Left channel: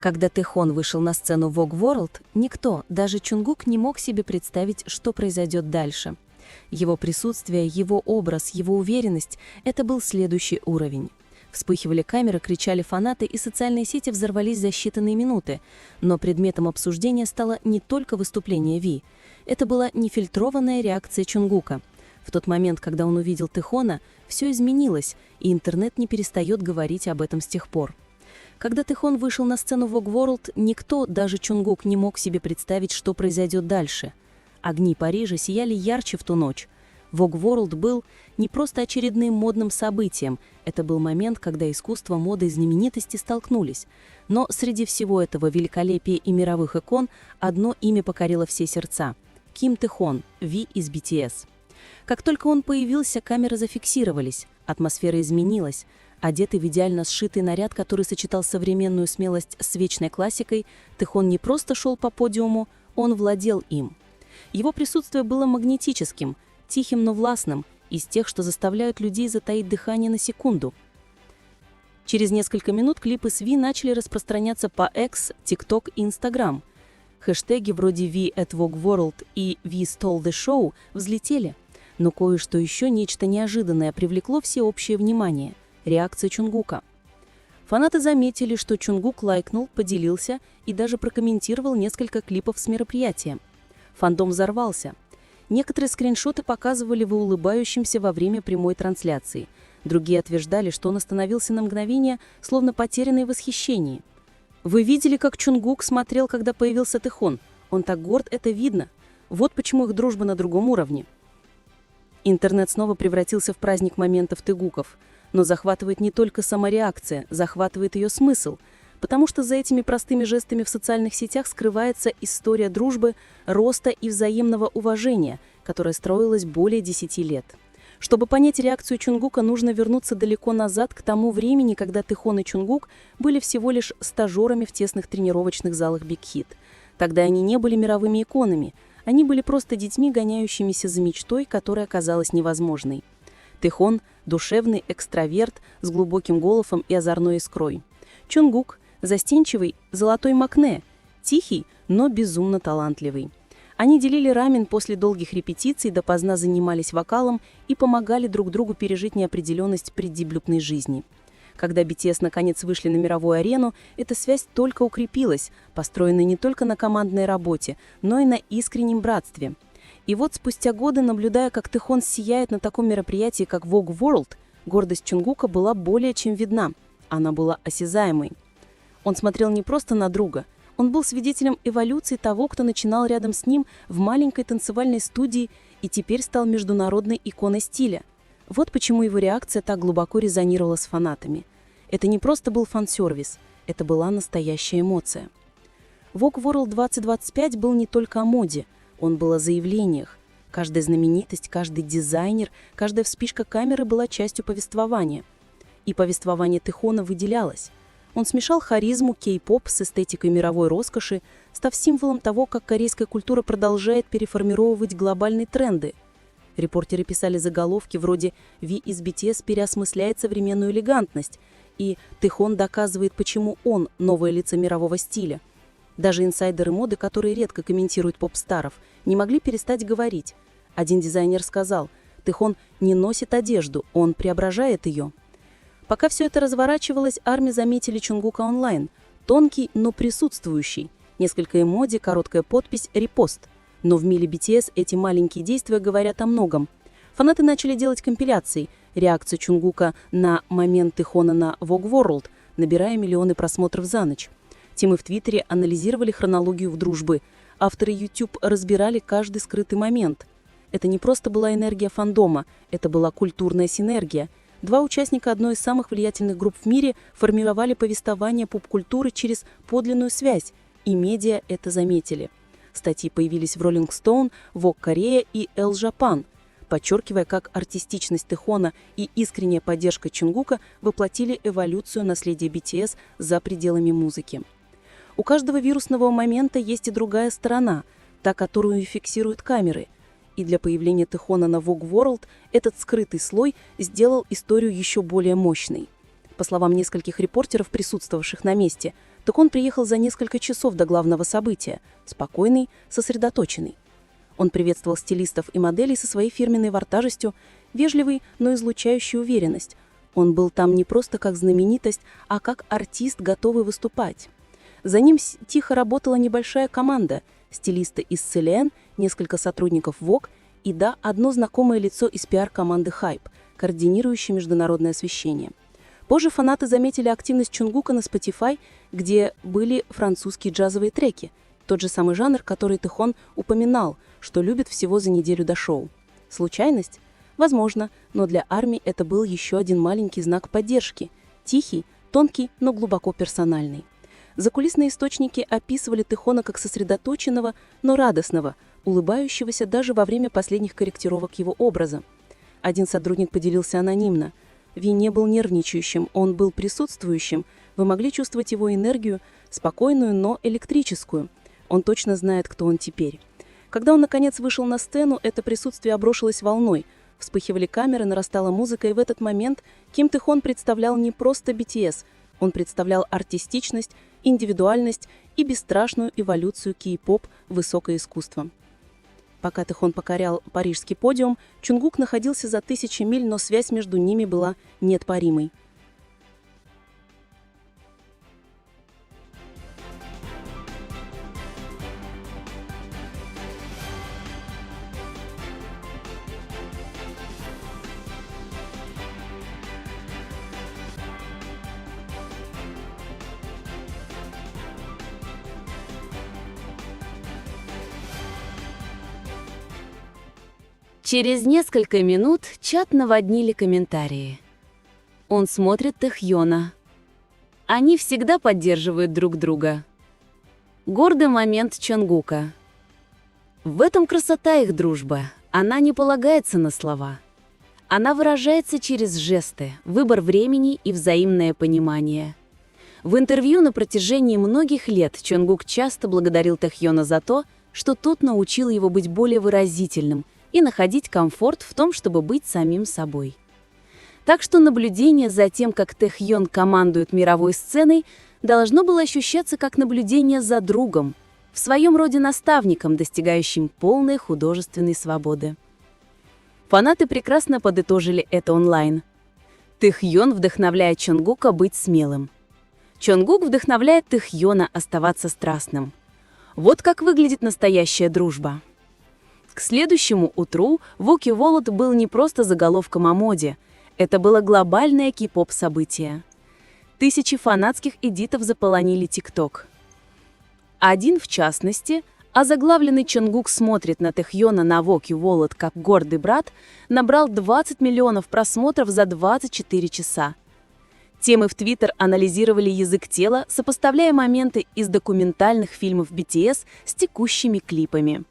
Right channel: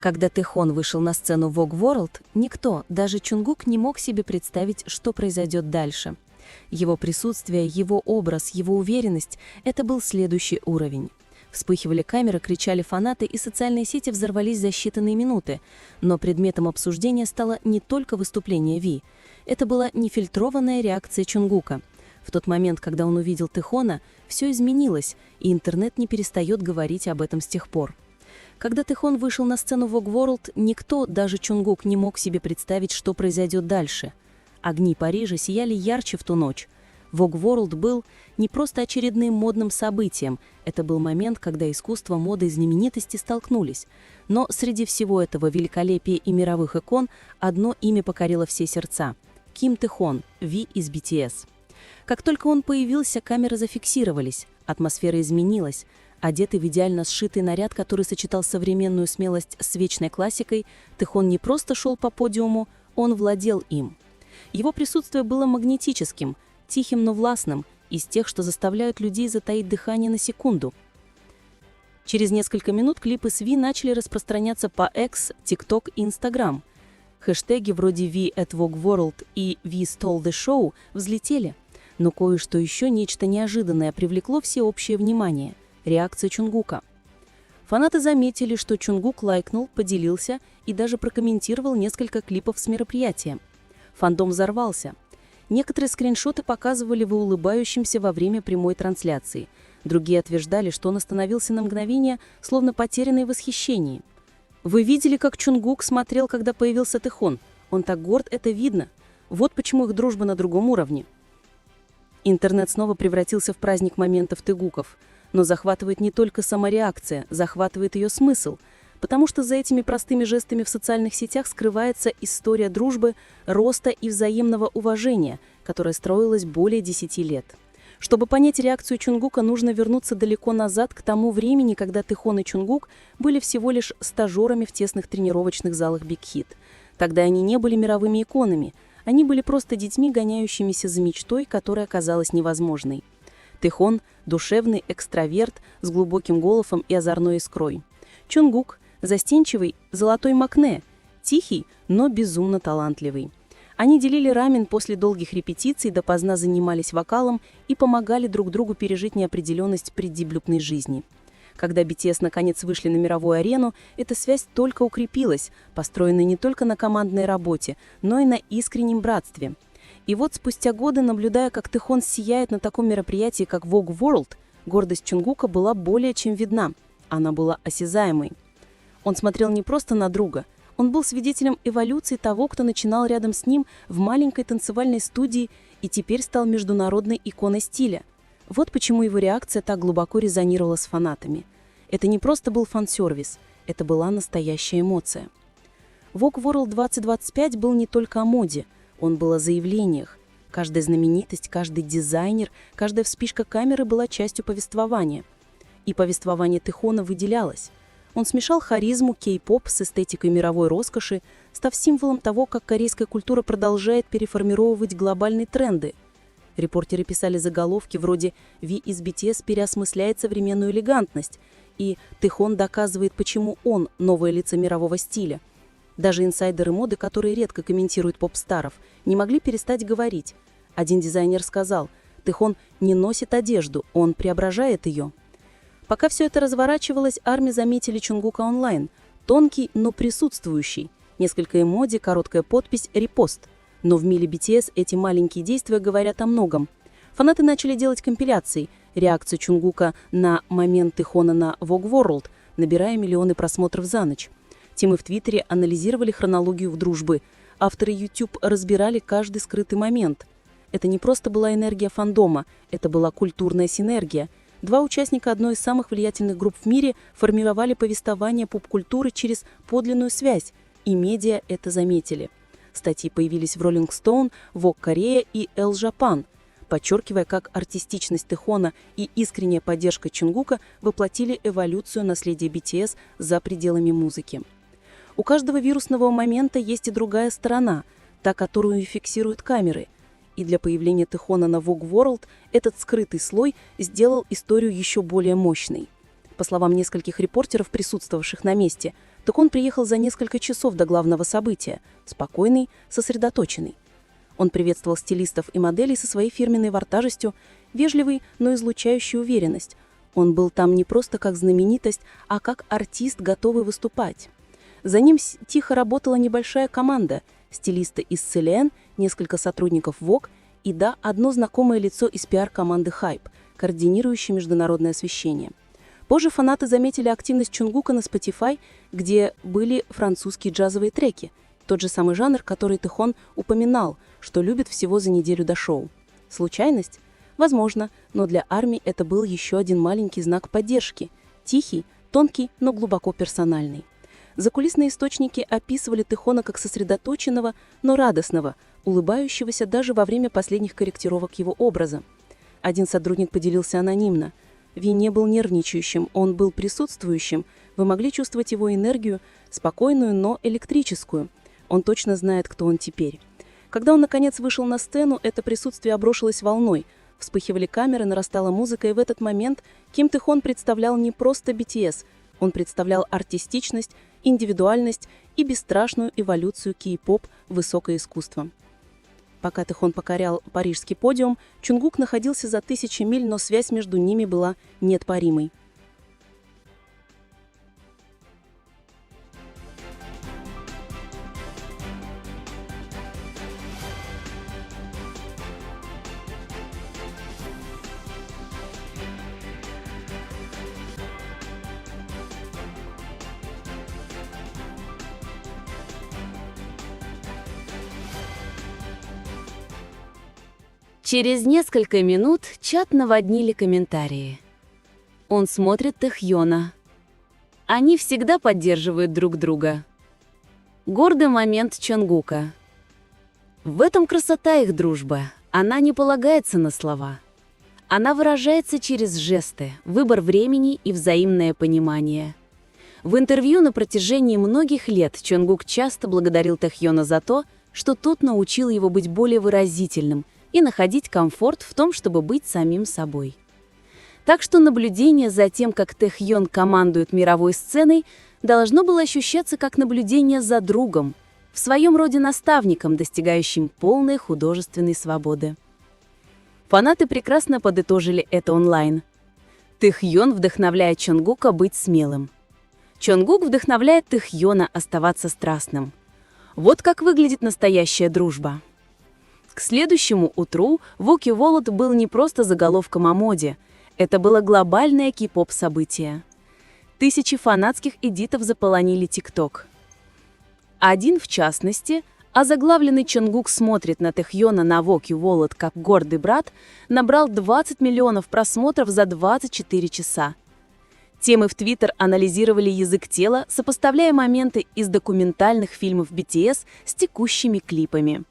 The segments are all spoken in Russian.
Когда Тэхон вышел на сцену Vogue World, никто, даже Чунгук, не мог себе представить, что произойдет дальше. Его присутствие, его образ, его уверенность – это был следующий уровень. Вспыхивали камеры, кричали фанаты, и социальные сети взорвались за считанные минуты. Но предметом обсуждения стало не только выступление Ви. Это была нефильтрованная реакция Чунгука. В тот момент, когда он увидел Тэхона, все изменилось, и интернет не перестает говорить об этом с тех пор. Когда Тэхон вышел на сцену Vogue World, никто, даже Чунгук, не мог себе представить, что произойдет дальше. Огни Парижа сияли ярче в ту ночь. Vogue World был не просто очередным модным событием, это был момент, когда искусство, мода и знаменитости столкнулись. Но среди всего этого великолепия и мировых икон одно имя покорило все сердца – Ким Тэхон, Ви из BTS. Как только он появился, камеры зафиксировались, атмосфера изменилась. Одетый в идеально сшитый наряд, который сочетал современную смелость с вечной классикой, Тэхон не просто шел по подиуму, он владел им. Его присутствие было магнетическим, тихим, но властным, из тех, что заставляют людей затаить дыхание на секунду. Через несколько минут клипы с Ви начали распространяться по X, TikTok и Instagram. Хэштеги вроде «We at Vogue World» и «We stole the show» взлетели. Но кое-что еще, нечто неожиданное, привлекло всеобщее внимание – реакция Чунгука. Фанаты заметили, что Чунгук лайкнул, поделился и даже прокомментировал несколько клипов с мероприятия. Фандом взорвался. Некоторые скриншоты показывали его улыбающимся во время прямой трансляции. Другие утверждали, что он остановился на мгновение, словно потерянный в восхищении. Вы видели, как Чунгук смотрел, когда появился Тэхон? Он так горд, это видно. Вот почему их дружба на другом уровне. Интернет снова превратился в праздник моментов тэгуков. Но захватывает не только сама реакция, захватывает ее смысл, потому что за этими простыми жестами в социальных сетях скрывается история дружбы, роста и взаимного уважения, которая строилась более 10 лет. Чтобы понять реакцию Чунгука, нужно вернуться далеко назад, к тому времени, когда Тэхон и Чунгук были всего лишь стажерами в тесных тренировочных залах Big Hit. Тогда они не были мировыми иконами, они были просто детьми, гоняющимися за мечтой, которая казалась невозможной. Тэхон – душевный экстраверт с глубоким голосом и озорной искрой. Чунгук – застенчивый золотой макне, тихий, но безумно талантливый. Они делили рамен после долгих репетиций, допоздна занимались вокалом и помогали друг другу пережить неопределенность преддебютной жизни. Когда BTS наконец вышли на мировую арену, эта связь только укрепилась, построенная не только на командной работе, но и на искреннем братстве. И вот спустя годы, наблюдая, как Тэхон сияет на таком мероприятии, как Vogue World, гордость Чунгука была более чем видна. Она была осязаемой. Он смотрел не просто на друга, он был свидетелем эволюции того, кто начинал рядом с ним в маленькой танцевальной студии и теперь стал международной иконой стиля. Вот почему его реакция так глубоко резонировала с фанатами. Это не просто был фан-сервис, это была настоящая эмоция. Vogue World 2025 был не только о моде, он был о заявлениях. Каждая знаменитость, каждый дизайнер, каждая вспышка камеры была частью повествования. И повествование Тэхона выделялось. Он смешал харизму кей-поп с эстетикой мировой роскоши, став символом того, как корейская культура продолжает переформировывать глобальные тренды. Репортеры писали заголовки вроде «Ви из BTS переосмысляет современную элегантность» и «Тэхон доказывает, почему он – новое лицо мирового стиля». Даже инсайдеры моды, которые редко комментируют поп-старов, не могли перестать говорить. Один дизайнер сказал, Тэхон не носит одежду, он преображает ее. Пока все это разворачивалось, армии заметили Чунгука онлайн. Тонкий, но присутствующий. Несколько эмодзи, короткая подпись, репост. Но в мире BTS эти маленькие действия говорят о многом. Фанаты начали делать компиляции. Реакцию Чунгука на момент Тэхона на Vogue World, набирая миллионы просмотров за ночь. Тимы в Твиттере анализировали хронологию дружбы. Авторы YouTube разбирали каждый скрытый момент. Это не просто была энергия фандома, это была культурная синергия. Два участника одной из самых влиятельных групп в мире формировали повествование поп-культуры через подлинную связь, и медиа это заметили. Статьи появились в Rolling Stone, Vogue Korea и Elle Japan, подчеркивая, как артистичность Тэхона и искренняя поддержка Чунгука воплотили эволюцию наследия BTS за пределами музыки. У каждого вирусного момента есть и другая сторона, та, которую фиксируют камеры. И для появления Тэхона на Vogue World этот скрытый слой сделал историю еще более мощной. По словам нескольких репортеров, присутствовавших на месте, так он приехал за несколько часов до главного события, спокойный, сосредоточенный. Он приветствовал стилистов и моделей со своей фирменной вартажестью, вежливый, но излучающий уверенность. Он был там не просто как знаменитость, а как артист, готовый выступать. За ним тихо работала небольшая команда, стилисты из Celine, несколько сотрудников Vogue и, да, одно знакомое лицо из пиар-команды Hype, координирующее международное освещение. Позже фанаты заметили активность Чонгука на Spotify, где были французские джазовые треки, тот же самый жанр, который Тэхон упоминал, что любит всего за неделю до шоу. Случайность? Возможно, но для армии это был еще один маленький знак поддержки. Тихий, тонкий, но глубоко персональный. Закулисные источники описывали Тэхона как сосредоточенного, но радостного, улыбающегося даже во время последних корректировок его образа. Один сотрудник поделился анонимно. Ви не был нервничающим, он был присутствующим. Вы могли чувствовать его энергию, спокойную, но электрическую. Он точно знает, кто он теперь. Когда он, наконец, вышел на сцену, это присутствие обрушилось волной. Вспыхивали камеры, нарастала музыка, и в этот момент Ким Тэхон представлял не просто BTS, он представлял артистичность, индивидуальность и бесстрашную эволюцию кей-поп в высокое искусство. Пока Тэхон покорял парижский подиум, Чонгук находился за 1000 миль, но связь между ними была неотпаримой. Через несколько минут чат наводнили комментарии. Он смотрит Тэхьона. Они всегда поддерживают друг друга. Гордый момент Чонгука. В этом красота их дружбы. Она не полагается на слова. Она выражается через жесты, выбор времени и взаимное понимание. В интервью на протяжении многих лет Чонгук часто благодарил Тэхьона за то, что тот научил его быть более выразительным и находить комфорт в том, чтобы быть самим собой. Так что наблюдение за тем, как Тэхьон командует мировой сценой, должно было ощущаться как наблюдение за другом, в своем роде наставником, достигающим полной художественной свободы. Фанаты прекрасно подытожили это онлайн. Тэхьон вдохновляет Чонгука быть смелым. Чонгук вдохновляет Тэхьона оставаться страстным. Вот как выглядит настоящая дружба. К следующему утру Vogue You Wallet был не просто заголовком о моде, это было глобальное кей-поп событие. Тысячи фанатских эдитов заполонили ТикТок. Один, в частности, озаглавленный «Чонгук смотрит на Тэхьона на Vogue You Wallet как гордый брат», набрал 20 миллионов просмотров за 24 часа. Темы в Твиттер анализировали язык тела, сопоставляя моменты из документальных фильмов BTS с текущими клипами.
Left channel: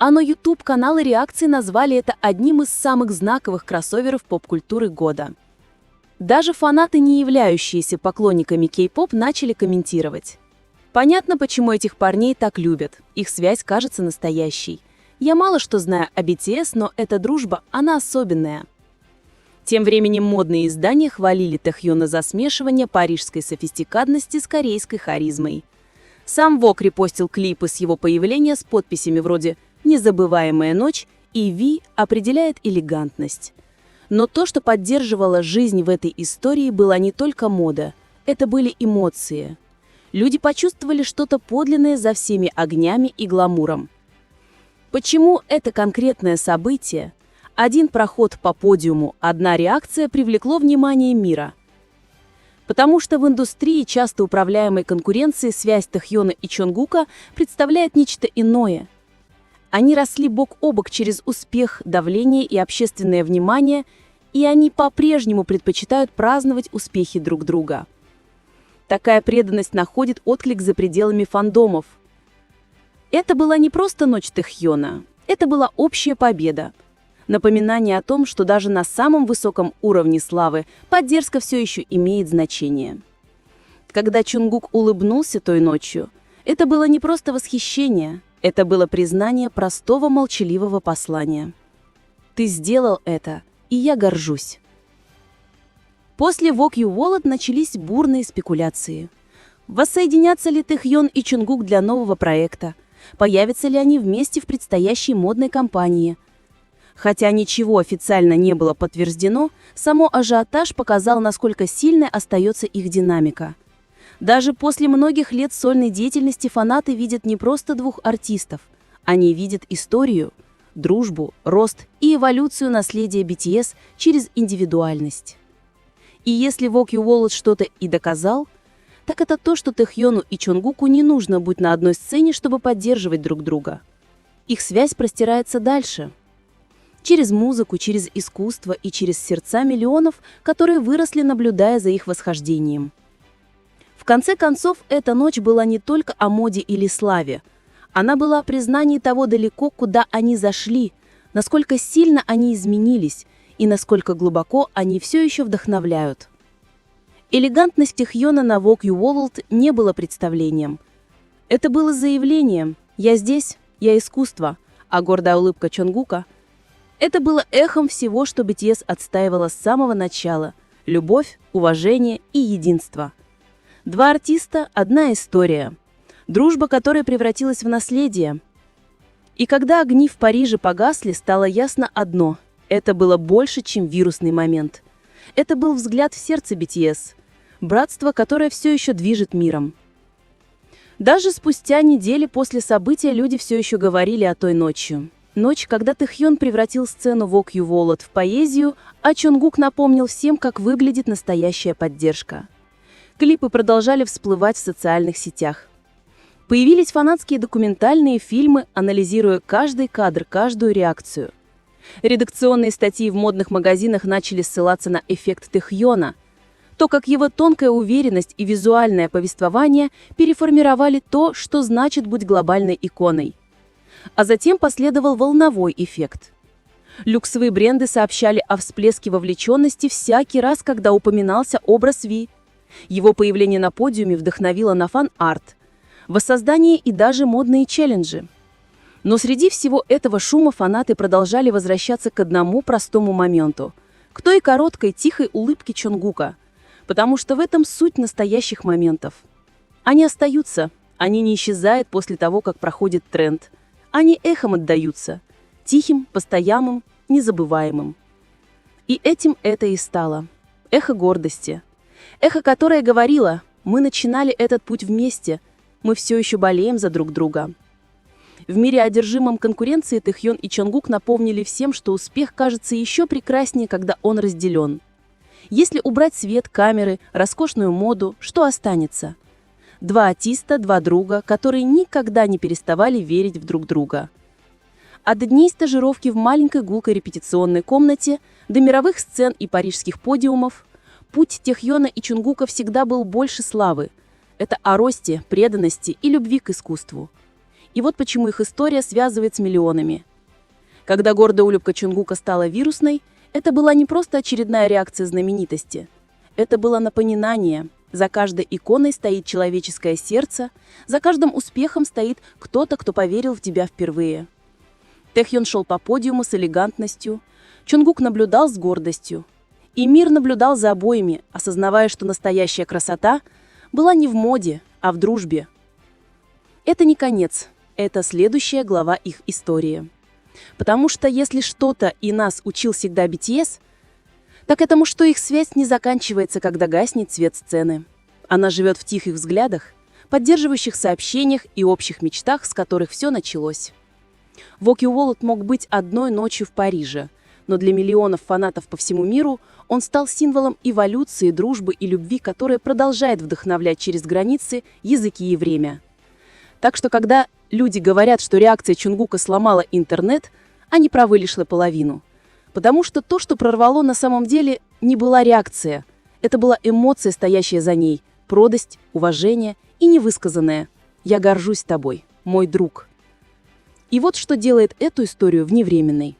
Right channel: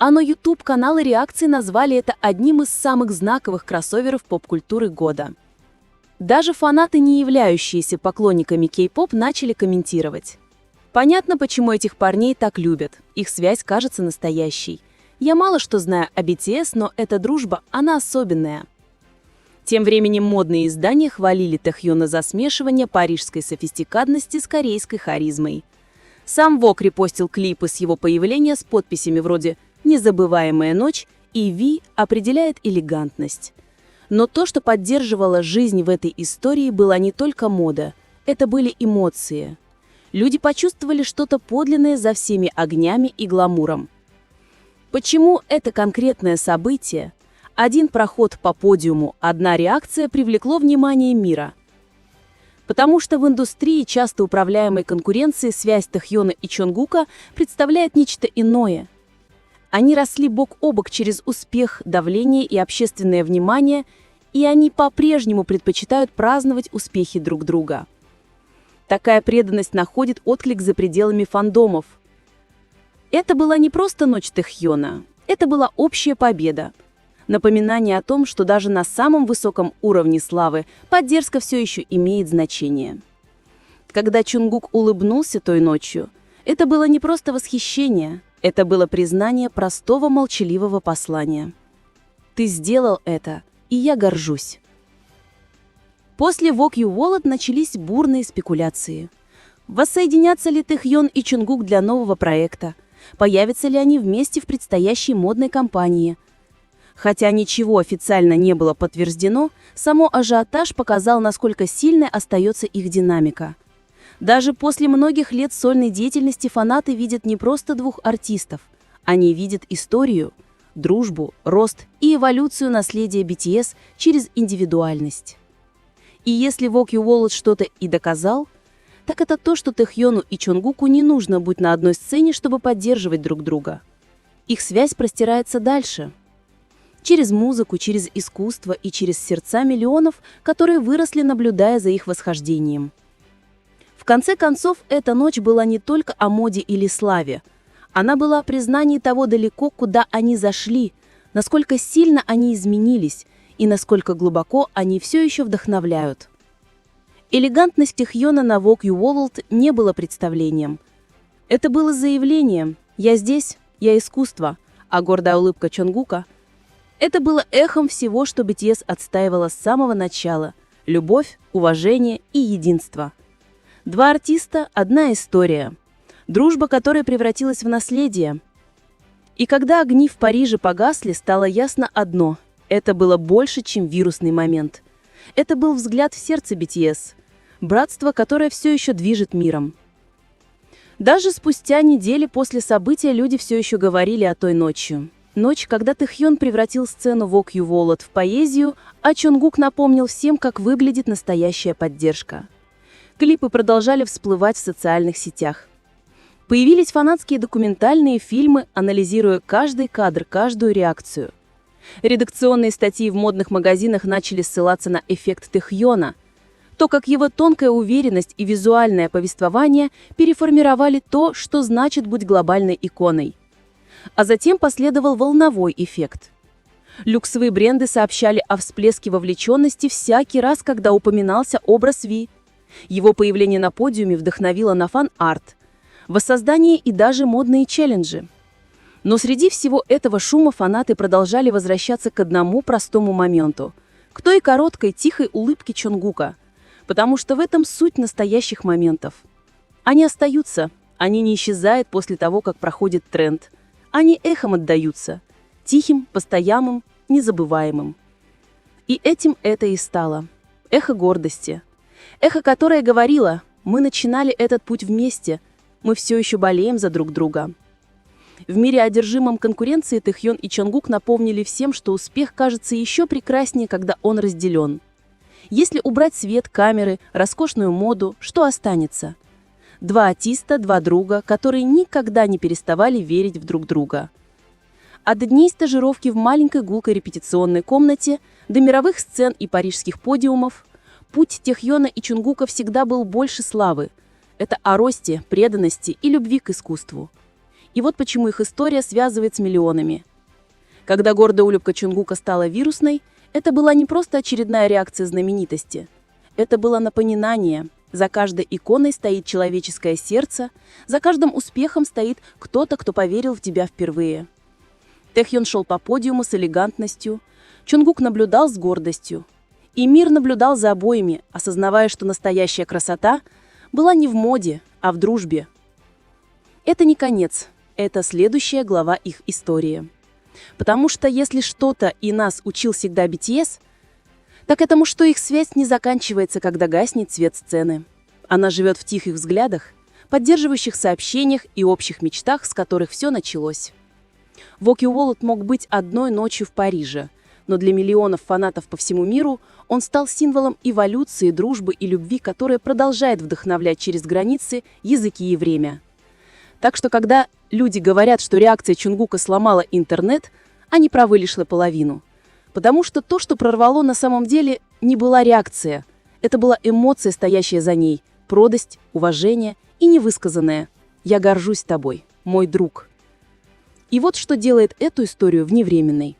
А на YouTube-каналы реакции назвали это одним из самых знаковых кроссоверов поп-культуры года. Даже фанаты, не являющиеся поклонниками кей-поп, начали комментировать. Понятно, почему этих парней так любят. Их связь кажется настоящей. Я мало что знаю о BTS, но эта дружба, она особенная. Тем временем модные издания хвалили Тэхьона за смешивание парижской софистикатности с корейской харизмой. Сам Vogue репостил клипы с его появления с подписями вроде «Незабываемая ночь» и «Ви» определяет элегантность. Но то, что поддерживало жизнь в этой истории, была не только мода, это были эмоции. Люди почувствовали что-то подлинное за всеми огнями и гламуром. Почему это конкретное событие, один проход по подиуму, одна реакция привлекло внимание мира? Потому что в индустрии, часто управляемой конкуренцией, связь Тэхьона и Чонгука представляет нечто иное. Они росли бок о бок через успех, давление и общественное внимание, и они по-прежнему предпочитают праздновать успехи друг друга. Такая преданность находит отклик за пределами фандомов. Это была не просто ночь Тэхьона, это была общая победа. Напоминание о том, что даже на самом высоком уровне славы поддержка все еще имеет значение. Когда Чонгук улыбнулся той ночью, это было не просто восхищение, это было признание простого молчаливого послания. «Ты сделал это, и я горжусь». После Vogue You Wallet начались бурные спекуляции. Воссоединятся ли Тэхьон и Чунгук для нового проекта? Появятся ли они вместе в предстоящей модной кампании? Хотя ничего официально не было подтверждено, само ажиотаж показал, насколько сильной остается их динамика. Даже после многих лет сольной деятельности фанаты видят не просто двух артистов. Они видят историю, дружбу, рост и эволюцию наследия BTS через индивидуальность. И если Walk You Wallet что-то и доказал, так это то, что Тэхьону и Чонгуку не нужно быть на одной сцене, чтобы поддерживать друг друга. Их связь простирается дальше. Через музыку, через искусство и через сердца миллионов, которые выросли, наблюдая за их восхождением. В конце концов, эта ночь была не только о моде или славе. Она была о признании того далеко, куда они зашли, насколько сильно они изменились и насколько глубоко они все еще вдохновляют. Элегантность Тэхьона на Walk You Wallet не было представлением. Это было заявлением «Я здесь, я искусство», а гордая улыбка Чонгука – это было эхом всего, что BTS отстаивала с самого начала – любовь, уважение и единство. Два артиста – одна история. Дружба, которая превратилась в наследие. И когда огни в Париже погасли, стало ясно одно – это было больше, чем вирусный момент. Это был взгляд в сердце BTS. Братство, которое все еще движет миром. Даже спустя недели после события люди все еще говорили о той ночи. Ночь, когда Тэхьон превратил сцену Walk You Wallet в поэзию, а Чонгук напомнил всем, как выглядит настоящая поддержка. Клипы продолжали всплывать в социальных сетях. Появились фанатские документальные фильмы, анализируя каждый кадр, каждую реакцию. Редакционные статьи в модных магазинах начали ссылаться на эффект Тэхьона. То, как его тонкая уверенность и визуальное повествование переформировали то, что значит быть глобальной иконой. А затем последовал волновой эффект. Люксовые бренды сообщали о всплеске вовлеченности всякий раз, когда упоминался образ Ви. Его появление на подиуме вдохновило на фан-арт, воссоздание и даже модные челленджи. Но среди всего этого шума фанаты продолжали возвращаться к одному простому моменту – к той короткой тихой улыбке Чонгука. Потому что в этом суть настоящих моментов. Они остаются, они не исчезают после того, как проходит тренд. Они эхом отдаются, тихим, постоянным, незабываемым. И этим это и стало. Эхо гордости. Эхо, которое говорило: мы начинали этот путь вместе, мы все еще болеем за друг друга. В мире, одержимом конкуренцией, Тэхьон и Чонгук напомнили всем, что успех кажется еще прекраснее, когда он разделен. Если убрать свет, камеры, роскошную моду, что останется? Два артиста, два друга, которые никогда не переставали верить в друг друга. От дней стажировки в маленькой гулкой репетиционной комнате до мировых сцен и парижских подиумов путь Тэхьона и Чонгука всегда был больше славы. Это о росте, преданности и любви к искусству. И вот почему их история связывает с миллионами. Когда гордая улыбка Чонгука стала вирусной, это была не просто очередная реакция знаменитости. Это было напоминание. За каждой иконой стоит человеческое сердце, за каждым успехом стоит кто-то, кто поверил в тебя впервые. Тэхьон шел по подиуму с элегантностью, Чонгук наблюдал с гордостью. И мир наблюдал за обоими, осознавая, что настоящая красота была не в моде, а в дружбе. Это не конец, это следующая глава их истории. Потому что если что-то и нас учил всегда BTS, так этому, что их связь не заканчивается, когда гаснет свет сцены. Она живет в тихих взглядах, поддерживающих сообщениях и общих мечтах, с которых все началось. Walk You Wallet мог быть одной ночью в Париже, но для миллионов фанатов по всему миру он стал символом эволюции, дружбы и любви, которая продолжает вдохновлять через границы, языки и время. Так что, когда люди говорят, что реакция Чонгука сломала интернет, они правы лишь наполовину. Потому что то, что прорвало, на самом деле не была реакция. Это была эмоция, стоящая за ней, продость, уважение и невысказанное «Я горжусь тобой, мой друг». И вот что делает эту историю вневременной.